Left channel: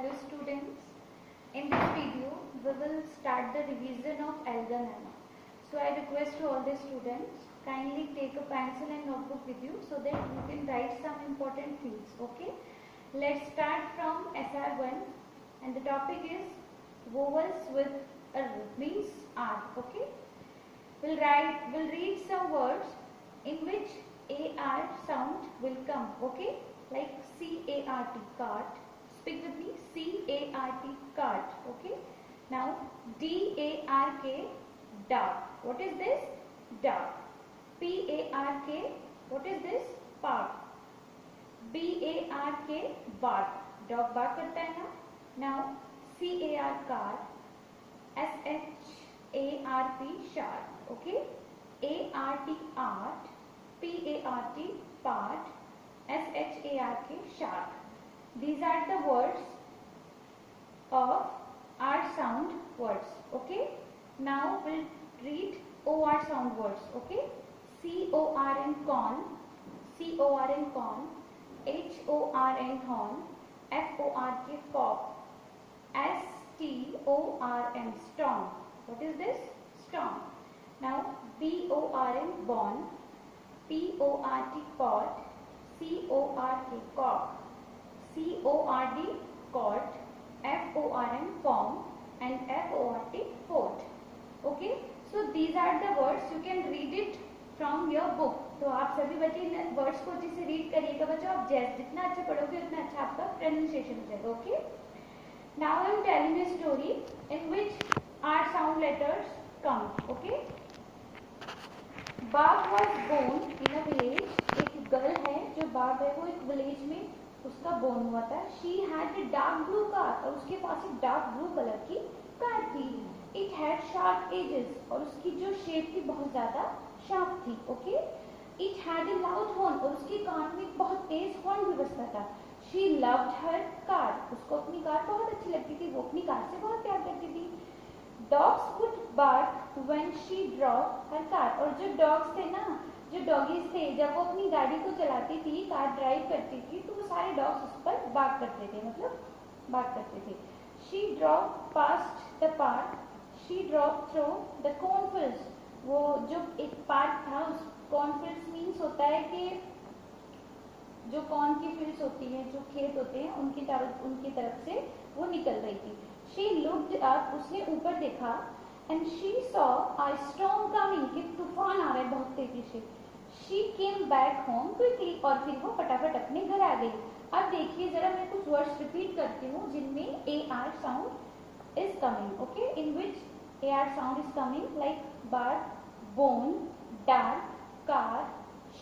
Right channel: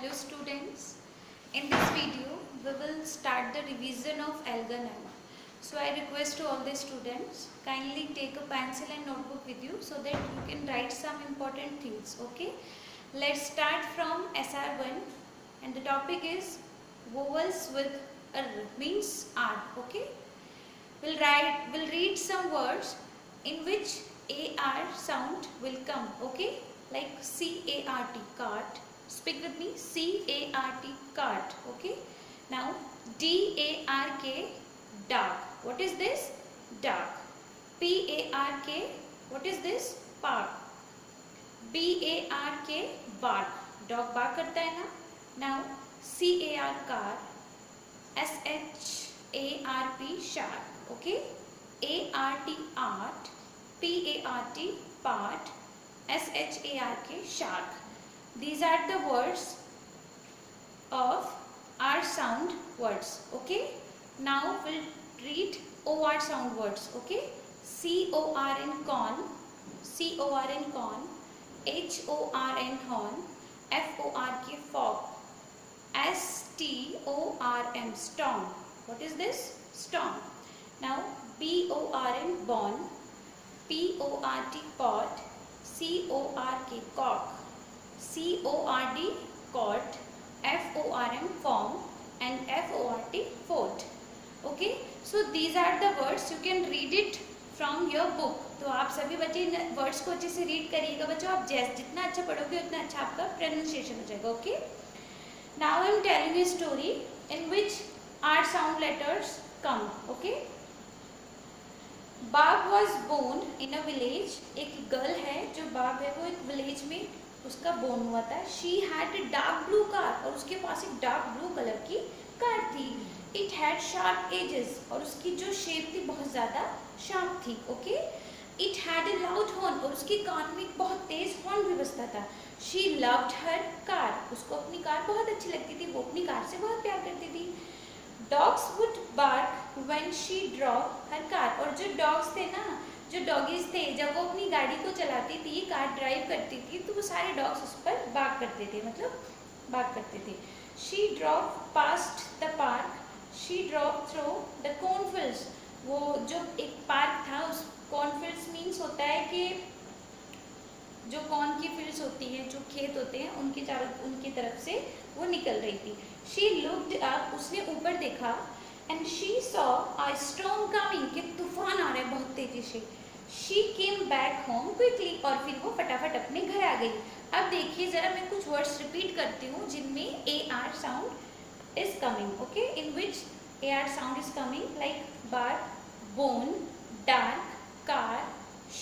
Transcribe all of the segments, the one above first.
Hello students, in this video we will start the revision of algae. So I request to all the students kindly take a pencil and notebook with you so that you can write some important things. Okay, let's start from SR1 and the topic is vowels with R means R. Okay, we'll read some words in which AR sound will come. Okay, like CART, cart. Speak with me, CART, cart. Okay, now DARK, dark. What is this? Dark. PARK, what is this? Park. BARK, bark. Dog bark करता है ना. Now CAR, car. SHARP, sharp. Okay, ART, art. PART, part. SHARK, shark. These are the words of R sound words. Okay, now we'll read OR sound words. Okay, CORN, corn. CORN, corn. HORN, horn. FORK, fog. STORM, storm. What is this? Storm. Now BORN, born. PORT, pot. CORK, cock. CORD, cot. FORM, form, and FORT, fort. Okay, so these are the words. You can read it from your book. तो आप सभी बच्चे इन words को अच्छे से read करिएगा बच्चों. आप जितना अच्छा पढ़ोगे उतना अच्छा आपका प्रोनाउंसिएशन हो जाएगा. Okay, now I am telling a story in which R sound letters come. Okay, बाघ was born in a village. एक गर्ल है जो बाघ है वो एक विलेज में उसका बोर्न हुआ था. She had a dark blue car, और उसके पास एक डार्क ब्लू कलर की कार थी. इट हैड शार्प एजेस, और उसकी जो शेप थी बहुत ज़्यादा शार्प थी. Okay, it had a loud horn, और उसके कान में बहुत तेज हॉर्न भी बजता था. शी लव्ड हर कार, उसको अपनी कार बहुत अच्छी लगती थी, वो अपनी कार से बहुत प्यार करती थी. Dogs would bark when she drove her car, और जो डॉग्स थे ना, जो डॉगीज थे, जब वो अपनी गाड़ी को चलाती थी, कार ड्राइव करती थी, तो वो सारे डॉग्स उस पर बार्क करते थे, मतलब बार्क करते थे. She drove past the park. She drove through the cornfields. वो जो एक पार्क था, उस कॉर्नफील्ड्स मीन्स होता है कि जो कॉर्न की फील्ड्स होती हैं, जो खेत होते हैं, उनकी तरफ से वो निकल रही थी. शी लुक्ड अप, उसने ऊपर देखा. And she saw a storm coming, कि तूफान आ रहा है बहुत तेजी से. She came back home quickly, और फिर वो फटाफट अपने घर आ गई. अब देखिए जरा, मैं कुछ वर्ड्स रिपीट करती हूँ जिनमें AR sound is coming. Okay, in which AR sound is coming, like bark, bone, dark, car,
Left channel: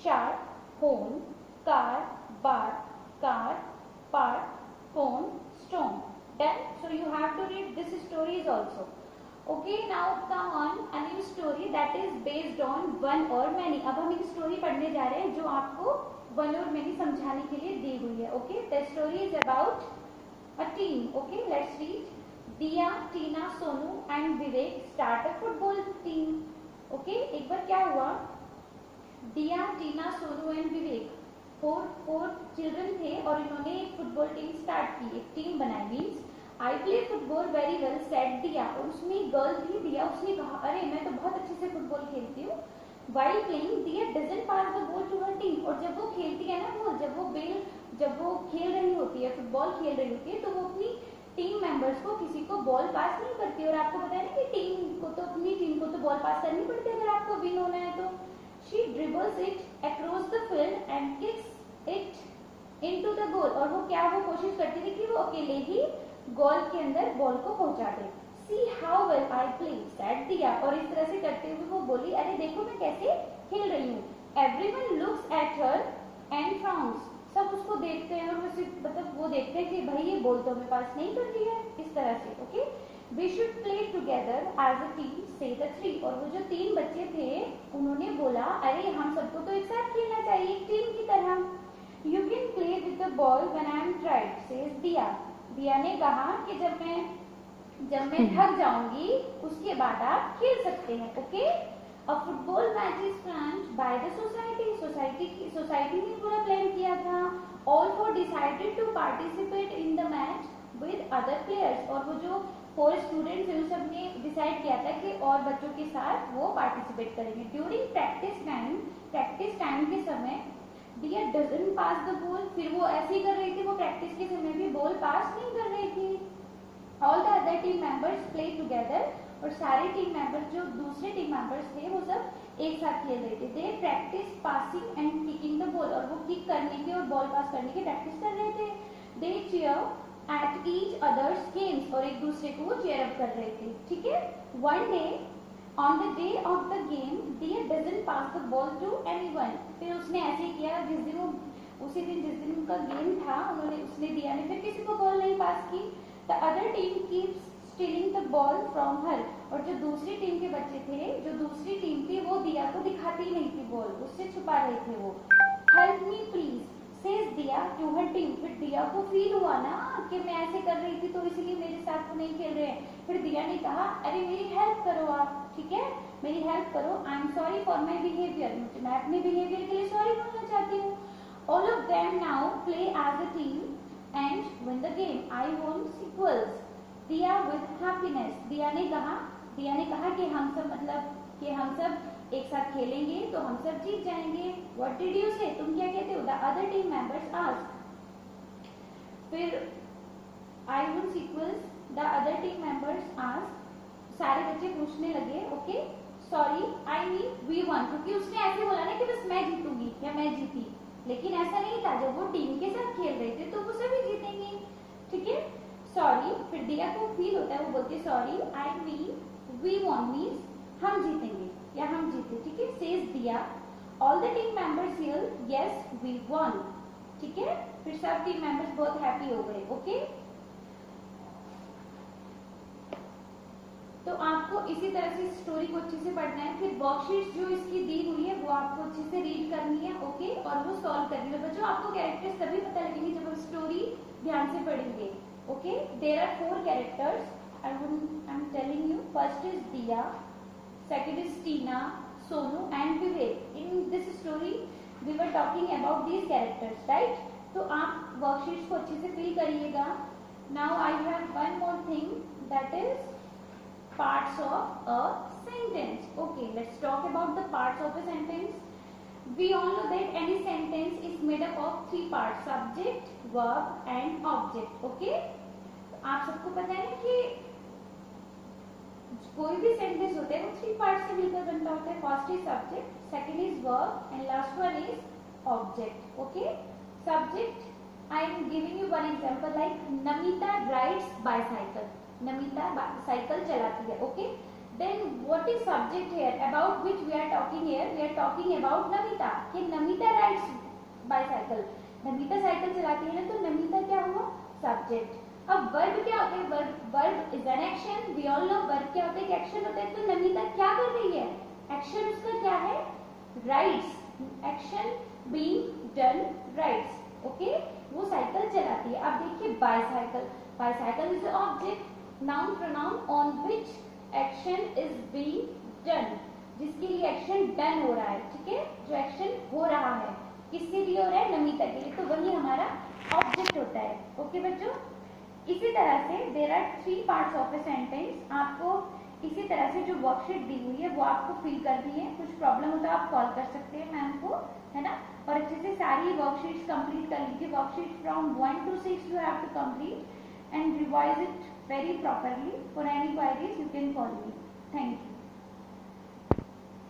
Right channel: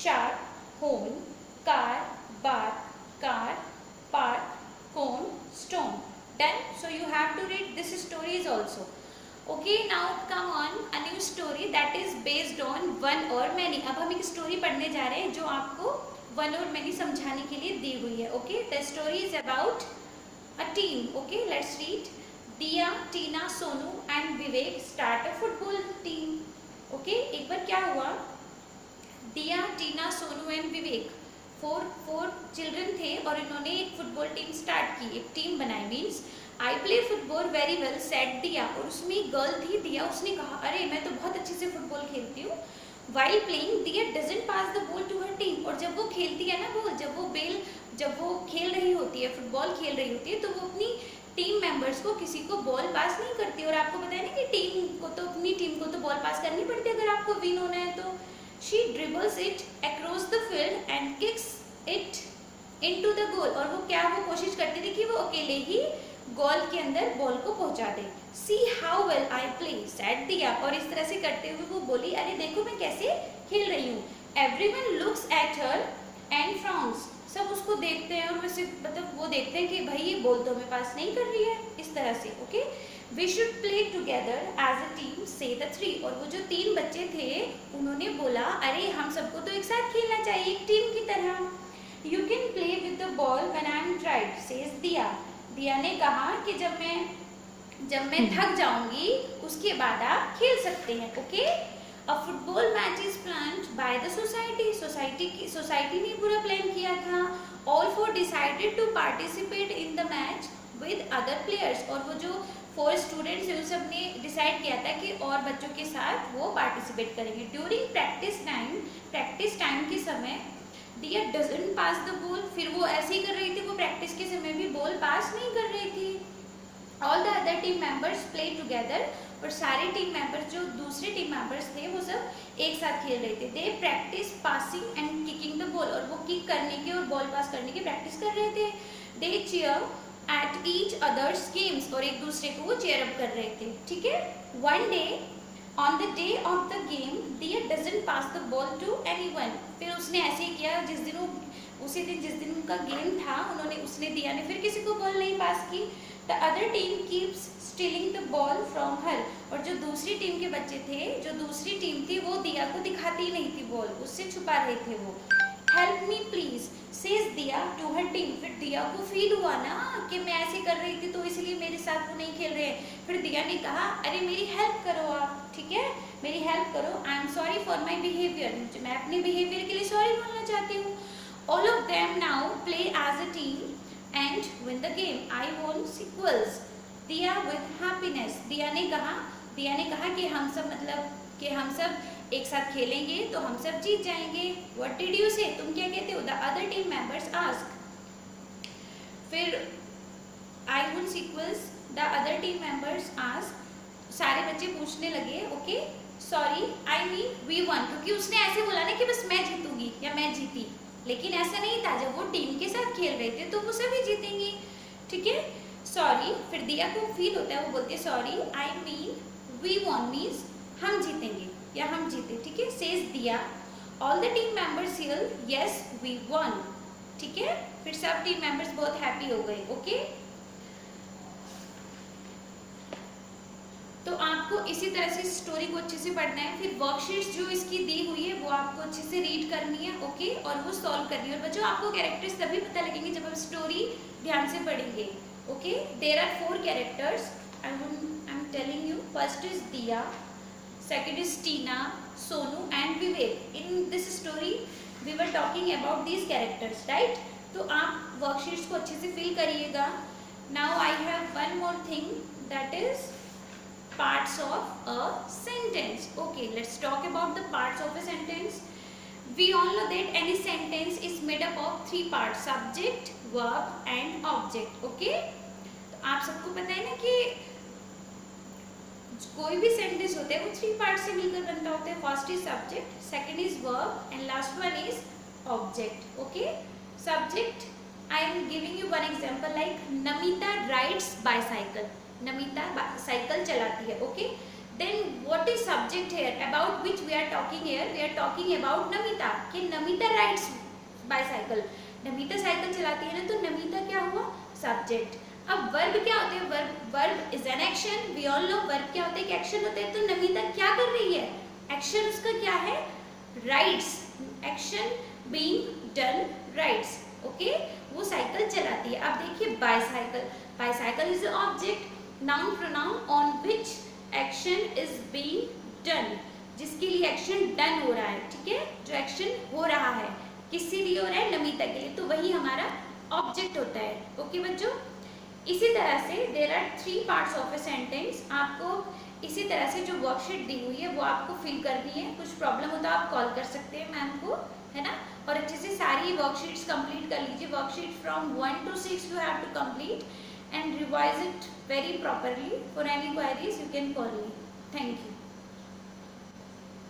sharp, horn, car, bark, car, park, cone, stone. Done. So you have to read this stories also. Okay, now come on a new story that is based on one or many. अब हम एक story पढ़ने जा रहे हैं जो आपको one or many समझाने के लिए दी हुई है. Okay, the story is about a team. Okay, let's read. Diya, Tina, Sonu and Vivek start a football team. Okay, एक बार क्या हुआ, Diya, Tina, Sonu and Vivek, four children थे और इन्होंने एक फुटबॉल टीम स्टार्ट की, एक टीम बनाई. Means I play football very well said दिया, और उसमें एक गर्ल थी दिया, उसने कहा अरे मैं तो बहुत अच्छे से फुटबॉल खेलती हूँ. While playing Diya doesn't pass the ball to her team, और जब वो खेलती है ना बॉल, जब वो खेल रही होती है, फुटबॉल खेल रही होती है, तो वो अपनी टीम मेंबर्स को किसी को बॉल पास नहीं करती. और आपको पता है ना कि अपनी टीम को तो बॉल पास करनी पड़ती है अगर आपको विन होना है तो. She dribbles it across the field and kicks it into the goal, और वो कोशिश करती थी कि वो अकेले ही गोल के अंदर बॉल को पहुंचा दे. See how well I play, said दिया, और इस तरह से करते हुए वो बोली अरे देखो मैं कैसे खेल रही हूँ. Everyone looks at her and frowns, सब उसको देखते हैं और वैसे मतलब वो देखते हैं कि भाई ये बॉल तो हमें पास नहीं कर रही है, इस तरह से. Okay, We should play together as a team, say the three, और वो जो 3 बच्चे थे उन्होंने बोला अरे हम सबको तो एक साथ खेलना चाहिए, एक टीम की तरह. You can play with the ball when I am tired, says दिया. दिया ने कहा कि जब मैं थक जाऊंगी उसके बाद आप खेल सकते हैं. Okay, A football match is planned by the society. Society ने पूरा प्लान किया था. All four decided to participate in the match with other players, और वो जो 4 स्टूडेंट्स हैं उन सब ने डिसाइड किया था कि और बच्चों के साथ वो पार्टिसिपेट करेंगे। ड्यूरिंग प्रैक्टिस टाइम के समय दिया डजंट पास द बॉल, फिर वो ऐसे ही कर रही थी, वो प्रैक्टिस के समय भी बॉल पास नहीं कर रही थी। All the other team members play together, और सारे टीम मेंबर्स जो दूसरे टीम मेंबर्स थे वो सब एक साथ खेल रहे थे। They practise passing and kicking the ball, और वो किक करने की और बॉल पास करने की प्रैक्टिस कर रहे थे। They cheer at each others games, और एक दूसरे को वो चीयर अप कर रहे थे, ठीक है। One day on the day of the game Diya doesn't pass the ball to anyone, फिर उसने ऐसे ही किया जिस दिन वो उसी दिन जिस दिन उनका गेम था उसने दिया ने फिर किसी को बॉल नहीं पास की। The other team keeps stealing the ball from her, और जो दूसरी टीम के बच्चे थे, जो दूसरी टीम थी, वो दिया को दिखाती ही नहीं थी बॉल, उससे छुपा रहे थे वो। हेल्प मी प्लीज सेज दिया टू हर टीम, फिर दिया को फील हुआ ना कि मैं ऐसे कर रही थी तो इसलिए मेरे साथ वो नहीं खेल रहे हैं। फिर दिया ने कहा अरे मेरी हेल्प करो आप, ठीक है, मेरी हेल्प करो। I am sorry for my behaviour, मैं अपने बिहेवियर के लिए सॉरी बोलना चाहती हूँ। All of them now play as a team and win the game, I want sequels Diya with happiness. Diya ने कहा कि हम सब एक साथ खेलेंगे तो हम सब जीत जाएंगे। व्हाट डिड यू से, तुम क्या कहते हो? The other team members ask, फिर I want sequels the other team members ask, सारे बच्चे पूछने लगे okay sorry I mean we won, क्योंकि उसने ऐसे बोला ना कि बस मैं जीतूंगी या मैं जीती, लेकिन ऐसा नहीं था, जब वो टीम के साथ खेल रहे थे तो वो सभी जीतेंगी, ठीक है। सॉरी, फिर दिया को फील होता है, वो बोलती है sorry I mean we won means हम जीतेंगे या हम जीते, ठीक है। Says Diya all the team members here yes we won, ठीक है। फिर सब टीम मेंबर्स बहुत हैप्पी हो गए, ओके। तो आपको इसी तरह से स्टोरी को अच्छे से पढ़ना है। फिर वर्कशीट्स जो इसकी दी हुई है वो आपको अच्छे से रीड करनी है, ओके, और वो सॉल्व करनी है। और बच्चों आपको कैरेक्टर्स तभी पता लगेंगे जब आप स्टोरी ध्यान से पढ़ेंगे, okay. There are 4 characters, I am telling you. First is Diya, second is Tina, Sonu and Vivek. In this story we were talking about these characters, right. तो आप वर्कशीट्स को अच्छे से फिल करिएगा। Now I have one more thing, that is parts of a sentence. Okay, let's talk about the parts of a sentence. We all know that any sentence is made up of 3 parts: subject, verb and object. Okay, तो आप सबको पता है ना कि कोई भी sentence होता है वो 3 पार्ट से मिलकर बनता होता है। First is subject, second is verb and last one is object, okay. Subject, I am giving you one example like Namita rides bicycle, Namita cycle चलाती है, ओके। Then what is subject here about which we are talking here? We are talking about Namita, कि Namita rides bicycle, Namita cycle चलाती है ना, तो नमिता क्या हुआ? सब्जेक्ट। अब वर्ब क्या होते हैं? Verb is an action, we all know verb क्या होते हैं? एक्शन होते हैं। तो नमिता क्या कर रही है? एक्शन उसका क्या है? Rides, action being done, rides, okay, वो साइकिल चलाती है। अब देखिए bicycle, bicycle is object, noun pronoun on which action is being done, जिसके लिए एक्शन डन हो रहा है, ठीक है, जो एक्शन हो रहा है किसके लिए हो रहा है? नमिता के लिए, तो वही हमारा ऑब्जेक्ट होता है, ओके बच्चों। इसी तरह से there are 3 parts of a sentence. आपको इसी तरह से जो वर्कशीट दी हुई है वो आपको फिल करनी है। कुछ प्रॉब्लम हो तो आप कॉल कर सकते हैं मैम को, है ना। और अच्छे से सारी वर्कशीट्स कंप्लीट कर लीजिए। Worksheet from 1 to 6 you have to complete and revise it very properly. For any queries you can call me. Thank you.